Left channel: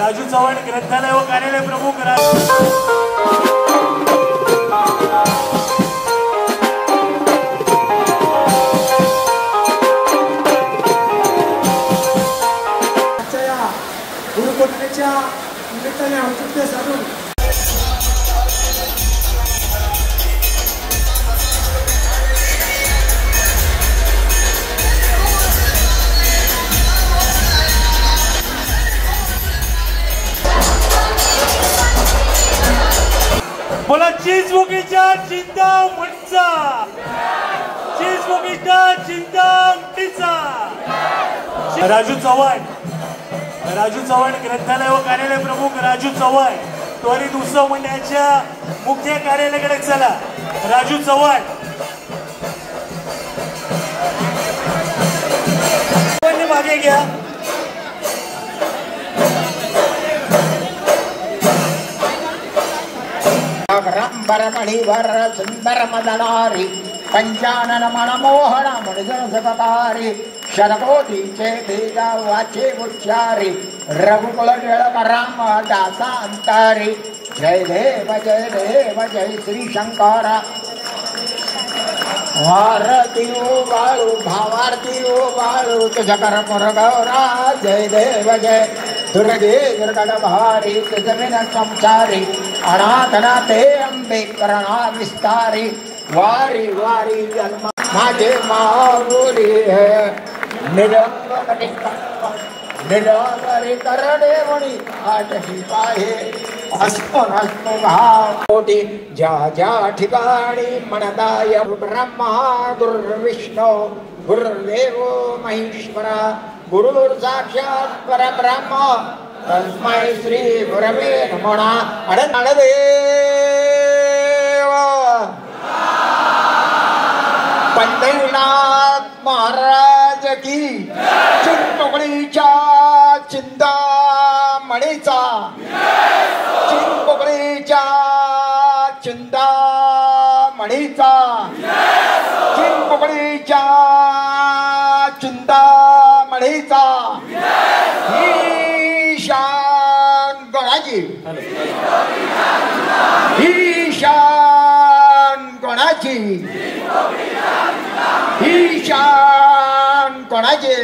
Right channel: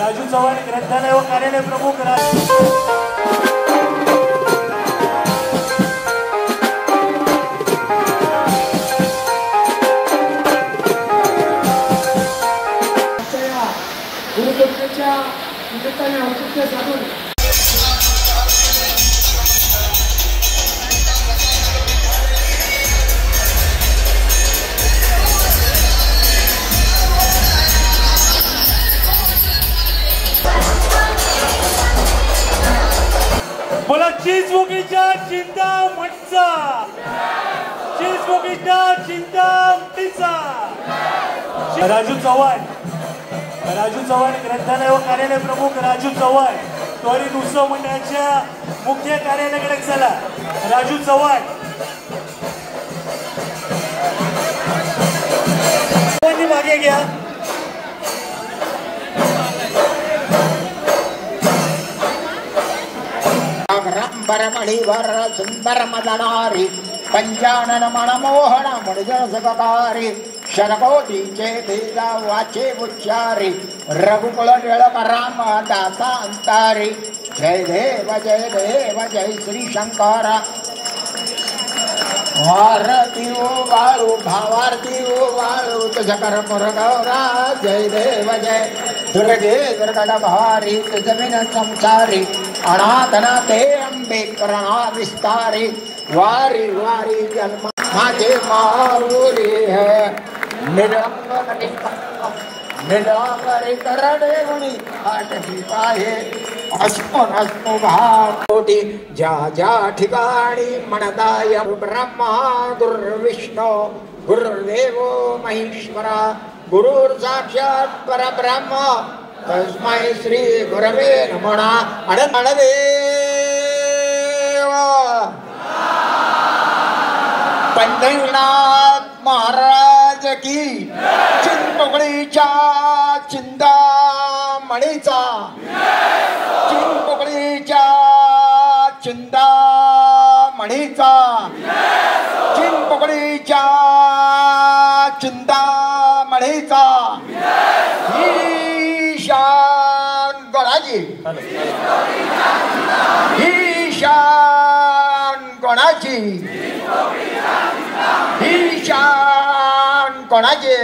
राजू चव्हाण ग्रंथालय व कार्यालय प्रमुख गुरुपौर्णिमेच्या निमित्ताने औचित्य साधून बोला चिंचबुकीच्या चिंतामणीचा, चिंचबुकीच्या चिंतामणीचा राजू चव्हाण ग्रंथालय व कार्यालय प्रमुख राजू चव्हाण त्वरित उत्सव मंडळाच्या मुख्य कार्यालयाकडे चला. राजू चव्हाण मागे घ्या. बरमणीवर सुंदर मदनारी पंचानन मनमोहन मणिजन सगतारी शतकोटीचे भेदा वाचे उच्चारी रघुकुल टिळक राम दासा अंतारी. जय देव जय श्री शंकर. भारती ओ बाळू भावार्थी ओ बाळू तुझकर पुरगौरा. जय देव जय दुर्गे दुर्गड भारी जमीन संसारी अनाथनाथे अंबे करणा विस्तारी. वारी वारी जन्म माझे माऊली है निराकरी करणे म्हणी आठही पाहे अस्मन अस्मो भावटी. ज्या ज्या ठिकाणी म्हणताय ब्रह्मा गुरुर्विष्णू गुरुर्देव महेश्वरा गुरुर साक्षात परब्रह्म तस्मै श्री गुरवे नमः. अडदेव पंढरीनाथ महाराज की. चिंचपोकळीच्या चिंतामणीचा, चिंचपोकळीच्या चिंतामणीचा, चिंचपोकळीच्या चिंतामणीचा. ईशान गणाजी, ईशान गणाजी, ईशान कोणाचे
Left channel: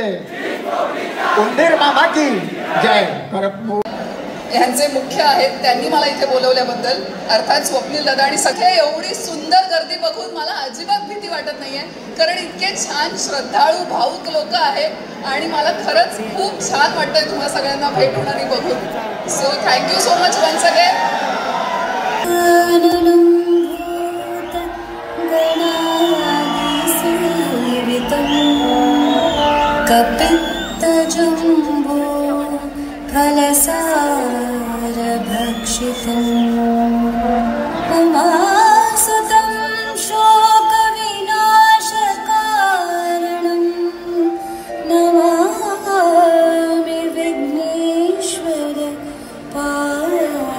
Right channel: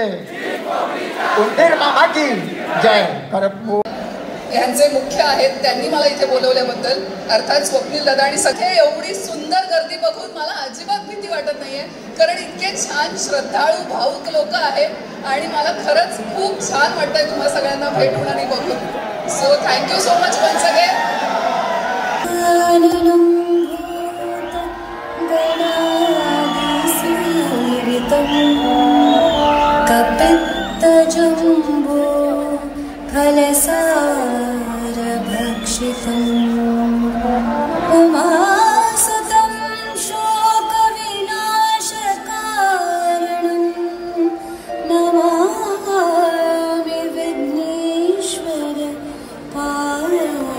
उंदीर मामा की जय. यांचे मुख्य आहेत, त्यांनी मला इथे बोलवल्याबद्दल अर्थात स्वप्नील दादा आणि सगळे एवढी सुंदर गर्दी बघून मला अजिबात भीती वाटत नाहीये, कारण इतके छान श्रद्धाळू भावुक लोक आहेत आणि मला खरंच खूप छान वाटतंय तुम्हाला सगळ्यांना भेटून आणि बघून. So thank you so much once again. कपित्तजम्बो फलसार भक्षितम् उमासुतं शोकविनाशकारणं नमामि विघ्नेश्वर पादपङ्कजम्.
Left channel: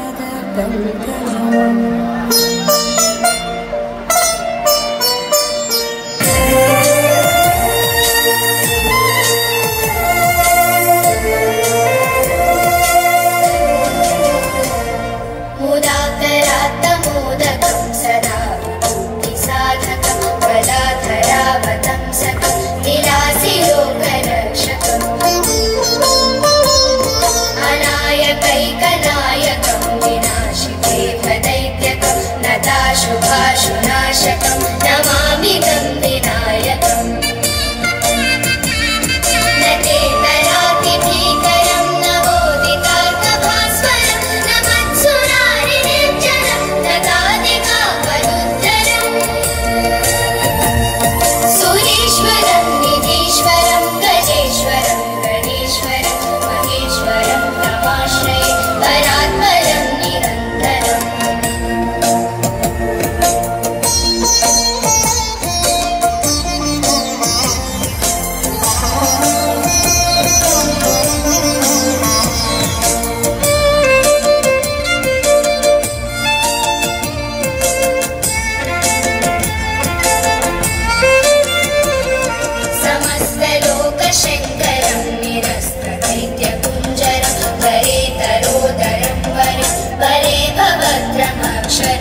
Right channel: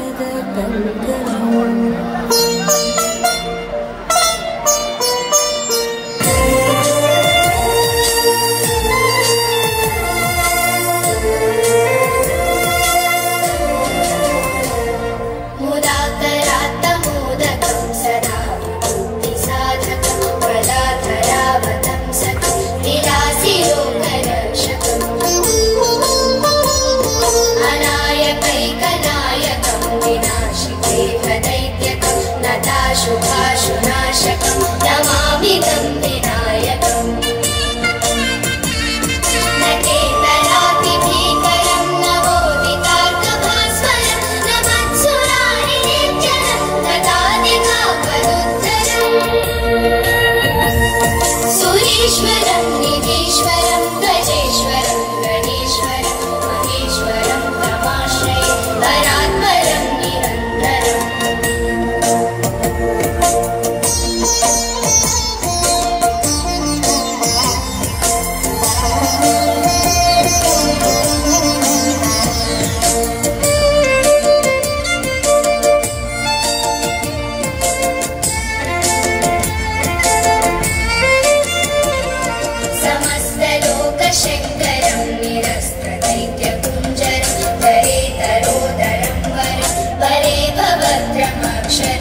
परात् जय